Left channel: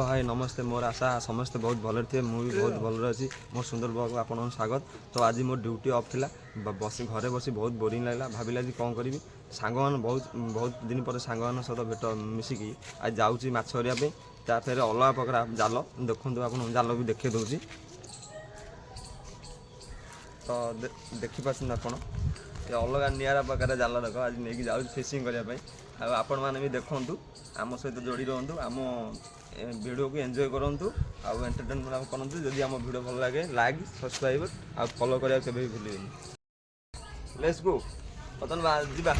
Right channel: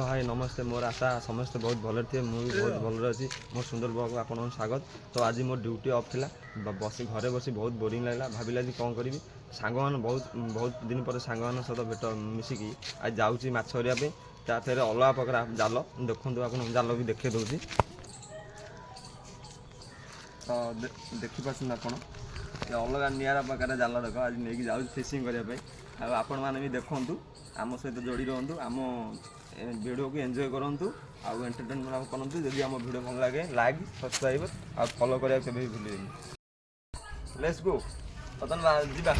हाय नमस्ते मोर आशा समस्ते बहुत भल थे मुझे बहुत भल अच्छी मो सुंदर ब्लॉग आप स्वागत। तो आज मोर ड्यूटी ऑफ थिला बस घरे बसी बहुत बोरिंग लगला भाविला जी कौन करी सांग बहुत दिन पर सांग सहित भेट मिसिकी आज जाऊँगी माछ धरिया फिर अलग प्रकार जाल देखूँ आप जाल भी देखे दूसरी तो देखिपार आप अलग निरा प्रकार जाल देख आज नहीं जाऊँ फिशिंग करने आपण मैंने भी देखूँ आम सहित जोड़ी रुहतु आम वीडियो को एंजॉय करूँ आउ एंटरटेनमेंट करूँ जदि आम वीडियो भल लगे लाइक सब्सक्राइब आ फॉलो करा के भी भूल लेट्स गो बर्तमान जीवा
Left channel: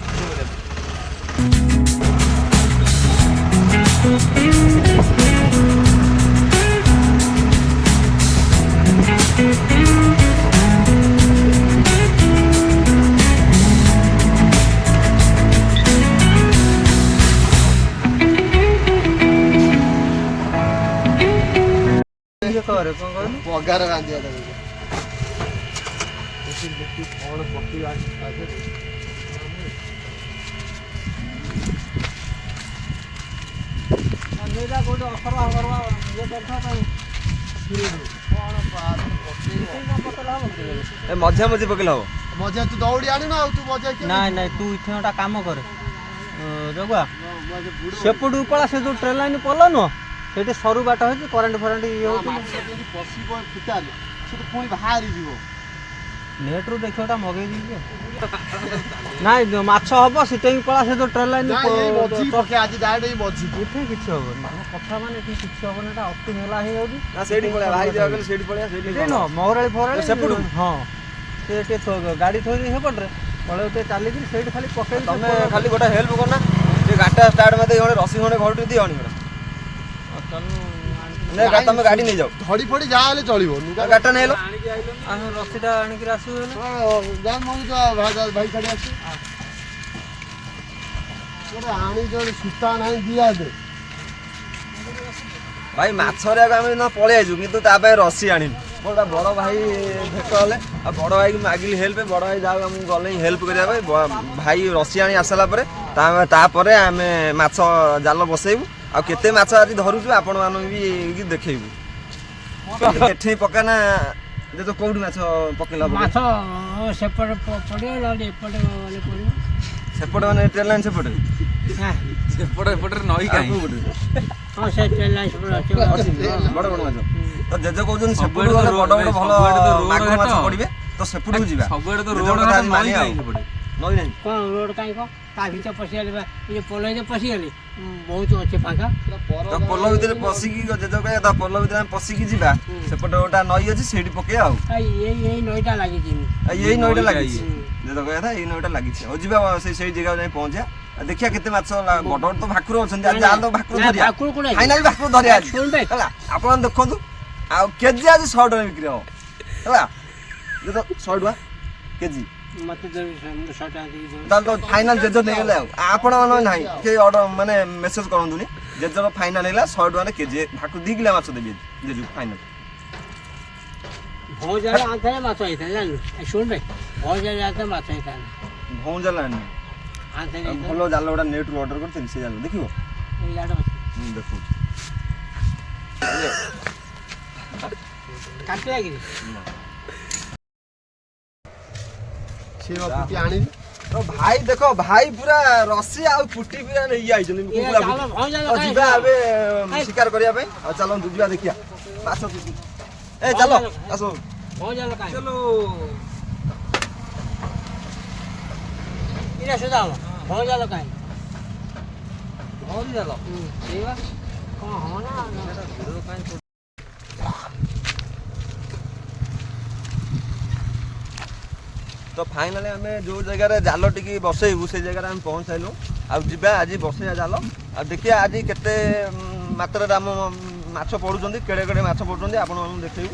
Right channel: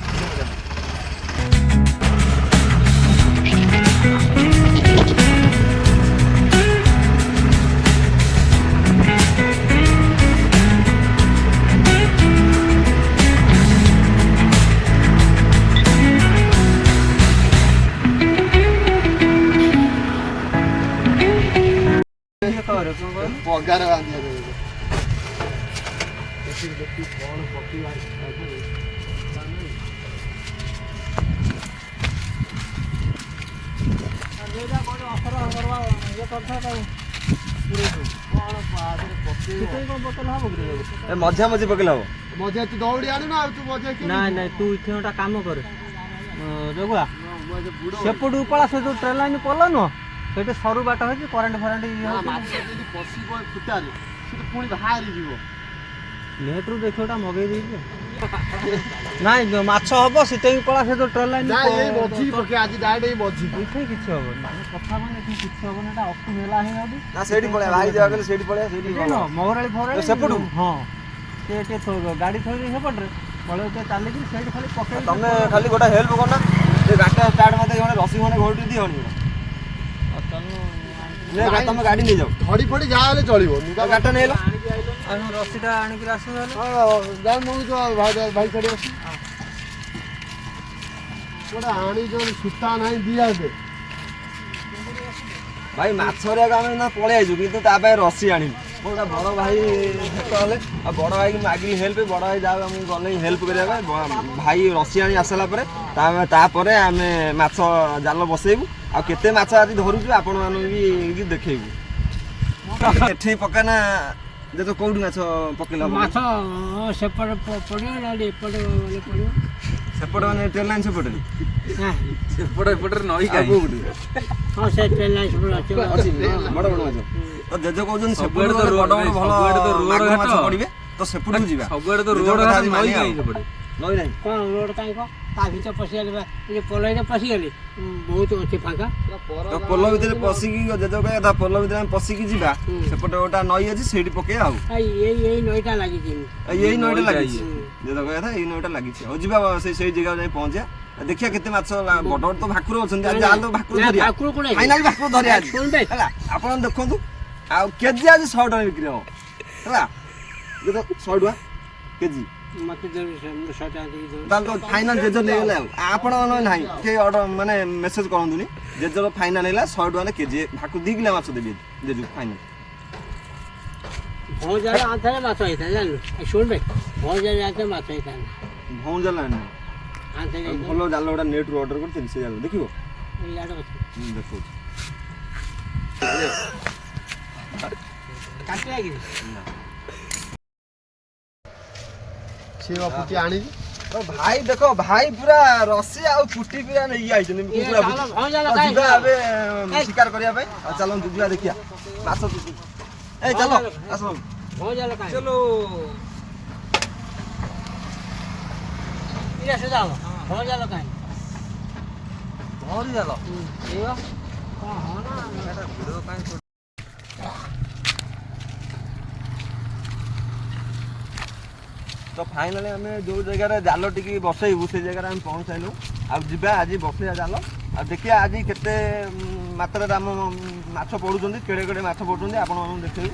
पगार बांधिया कौन मजा मजी पकड़ हम मजा तू दौड़ी आनी ना तू मजा ना ना तू इथे एटा काम कर रघुआ सेपटू पड़ा से जो ट्रेन लाइन पड़ल न सेठी सरू बाट है करेंट फरेंट ये हो पसिबो फुटाले से तो पुणी बाहरी जीवो नेट रू देखोटा मगे दी नाही माछ हबो सिते पड़ा से जो ट्रेन लाइन नहीं मजी पके आज डायरेक्ट ही मजी उठे किछ हबो माने कथा माने किछ हबो नाटा अप टू मेला हे होदी ना सेठी पळे भाई जा गेल सेठी पळे सेठी न मोहरळी फोरळी सेपटू हां सेटे तो गाड़ी थोड़ी हे पड़रे पळे ते चाली कि सेठी खाली पके तमे खाली गोटा हेल्प करना जे गाटा स्टार्ट माते गने रसी खने घोटू दी हनी ना गाता में गाड़ी नहीं जाओ धड़ी फड़ी जा ले चलिबो नुका गाटा नै लो आनो रसीटा आनी कि आसु हेले हां जा मु तो भाई खड़ी आसी कोडा आनी जो सुता नाही दिया दे भाई माछरे आमे न पळे आइजु किंतु ता भाई रसी आनी बोला बड़ भाई भेटले आ बड़ भाई की मागिली हेल्प बड़ भाई जाओ हम गले हेल्प करिया भाई रसी आनी आसला परे ता परे आमे माछ जाल बसेबु आ केते माछ आज धरुछु आपण मानु भी देखैबु एठै पकाना जे तो कोड माछ पकेला माछ सेपट पडियो लाली पडे वाले पडियो सेपट माने ट्रेन लाइन सेपट हां सेपट नई काई हां से ट्रेन लाइन सेपट अछि बड़ बड़ माछ तो जेजे कहउजन सेपट वाले बड़ बड़ भलो माछ माछ पडिबे तो सेपट जिबा सबेड तो रोड घाट नई काई सेपट नई नहीं कोन रोड काई को ता भीतर पसी गेला ये पोलै जे पसी गेली बहुत अच्छे फाका तो पोलो भीतर पसी की जेजे कहे ता पोलो भीतर हम पसी की जिबा सेपट ओटा नई अछि सेठी पके आउ यही नईटा लागि छी यही नईटा लागि छी जेजे कहे था यही नईटा लागि छी हो जिबा से जगह जाई पहुंचा देखिया केते माछ बड़ तो भाकुर अछन आज जाल तो भाकुर धरिया भाकुर कोन फाइनल भाकुर धरिया सुन बे हला आपण देखंतु आ केजी आज 100 टका बिक्री हो हला जे तो 100 टका केजी मते जब 100 टका दी ताल तो फाइनल जेजो नै गेले आपण मन नाही के ऑर्डर माने मेसेज करंतुनी जेजो फाइनल हैला 100 टका केजी भाकुर 2 किलो माछ देबी जेजो फाइनल भौजाला आथे माछ आइथा जानलु ए सुन बे भौजाला आथे माछ आइथा भौजाला नै आथे भलो जाल ओडा नेट रो ऑर्डर करथिन से जाल देखिबो ए याडो देखो काटे आगी से पुटी आनी तो भाई देखो भाई पूरा रसी आ पुटी पूरा नै आइ जने पूरा भौजाला काई जिबा आबे शिकार करिया पे आ चलो दुबिया देखिया माछ ए चलो आसो भौजाला काई चलो इरा से जाओ भौजाला काई भौजाला एवा कोन हो ना वीडियो काई तो फाइनली आम जो जगह जाल टी बसैबू से जगह आम पहुँचाइलु आ आज बसैया जाल आ देखिए आज केते मात्रा आम माछ पड़ुंट केड़े केड़े माछ पड़ुंट आपण देखिए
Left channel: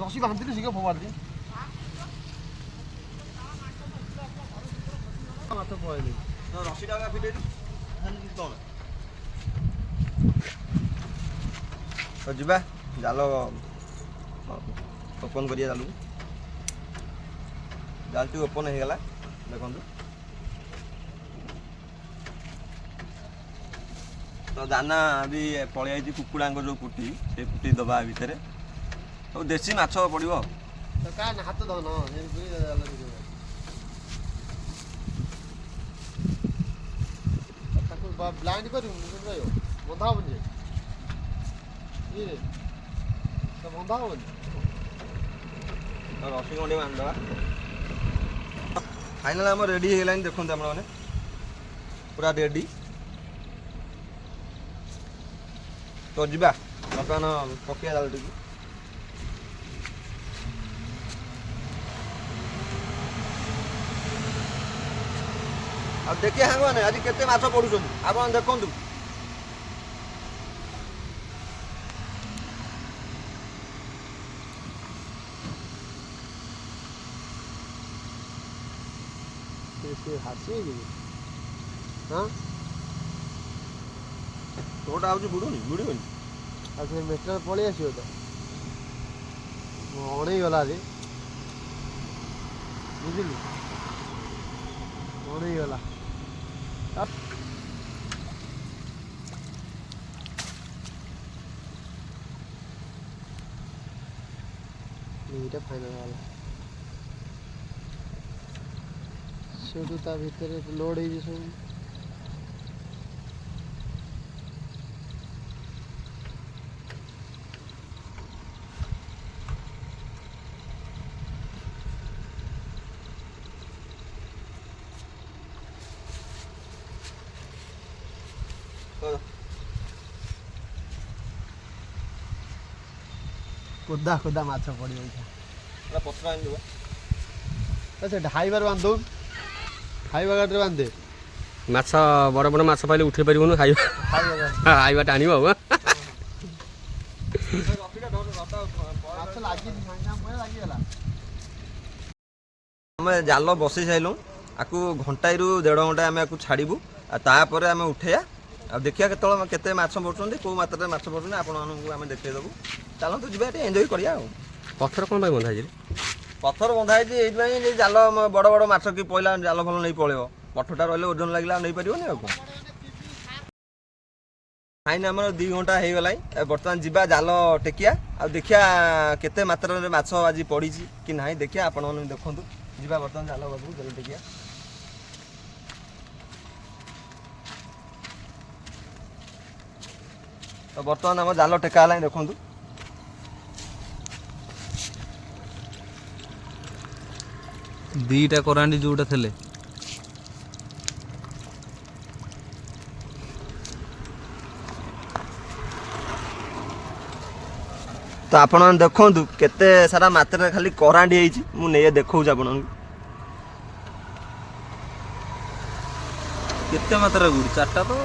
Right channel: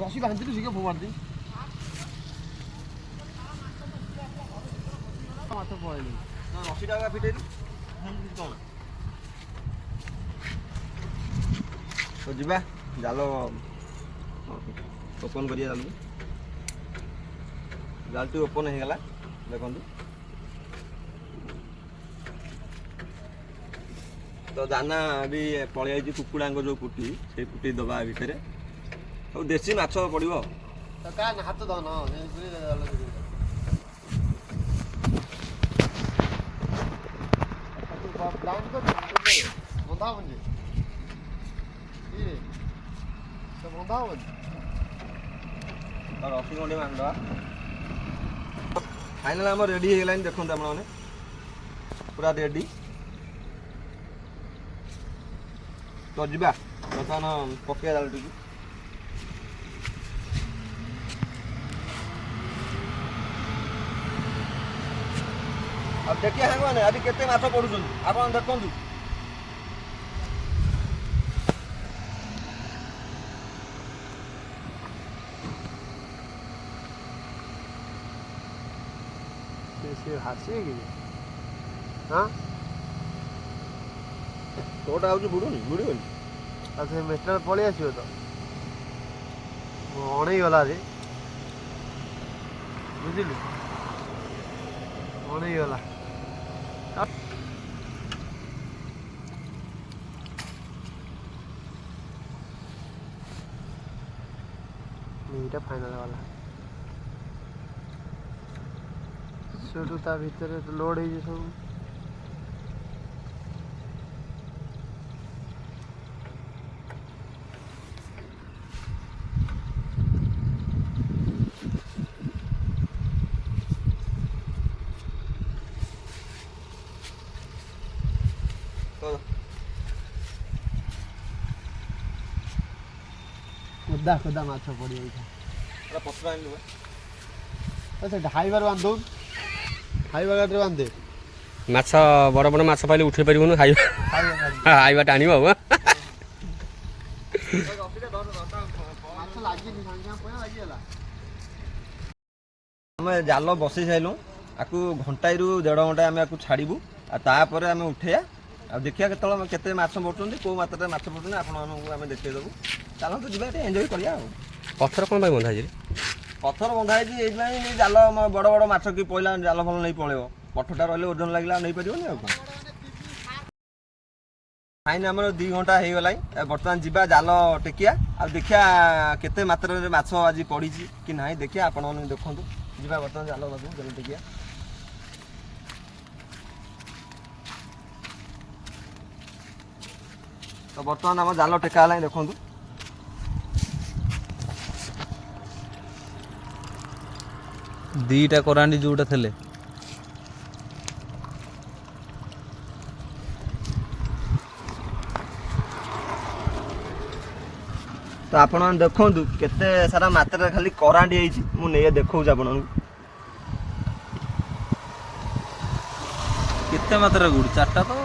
रसी बांधु सी फोपाड़ दी माछ पड़े रसीटा फिटे तो जीवा जाल ओपन करिए जल्दी जालटी ओपन हो गला देखंतु तो दाना भी पळि आइछि कुकुडांग जो कुटी से कुटी दबा भितरे और देसी माछ पड़िबो तो का हाथ दो न ब्लाइंड कर बंधा बन ये तो बंधा बन और रसी गंडे मान दो फाइनल हम रेडी हे लाइन देखंतु आपण माने पूरा रेडी तो जीवा बर्तमान पकड़िया जालटी अब देखिए हाँ मैंने अभी केते माछ पड़ुछन आपण देखंतु से हासी की हां तोटा आउची बुडुनी बुडुनी आ से मेटल पळी आछियो तो ओणे गला रे बुझिली ओणे गला এইটা ফাইনাল वाला সেটু তা ভিতরে লোড হই যে সব खुदा खुदा माछ पड़ी होई पूरा पत्र आइन लुआ तो से ढाईबार बांधो खाइबा गाडरे बांधे माछ बड़ बड़ माछ पाइले उठे परिबनु खाइबा खाइबा टाणिबा हो माछ लागी संगे पय लागी गला हम जाल बसई साइलु आकु घंटाई रु 1.5 घंटा आमे आकु छाड़ीबू आ तापर आमे उठेया आ देखिया केते माछ पड़छन्ती को मात्रा माछ पड़छन्ती आपण मानकु आमे देखै देबू चलंतु जिबा एटे एन्जॉय करिया पत्थर कोन भाई बंधा जे पत्थर बंधा है ये जाल बड़ बड़ माछ की पहला जाल भल नहीं पड़ेब पठटा रही ओजन लगे नहीं पारे फाइन आम 2 घंटा हो गला बर्तमान जीवा जाल टेकिया आ देखिया केते मात्रा माछ आज पड़ी कि ना देखिया आपण मैंने देखु जीवा बर्तमान जाल बाबू जाल टेकिया तो बर्तमान आम जाल टेका देखु दीटा करांडी जोटा थले तो आपण देखु केते सारा मात्रा खाली करांडी है मु नहीं देखौ आपण केते मात्रा गुड़ चारटा तो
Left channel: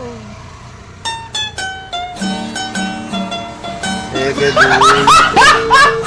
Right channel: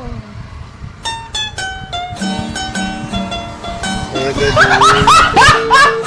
1 2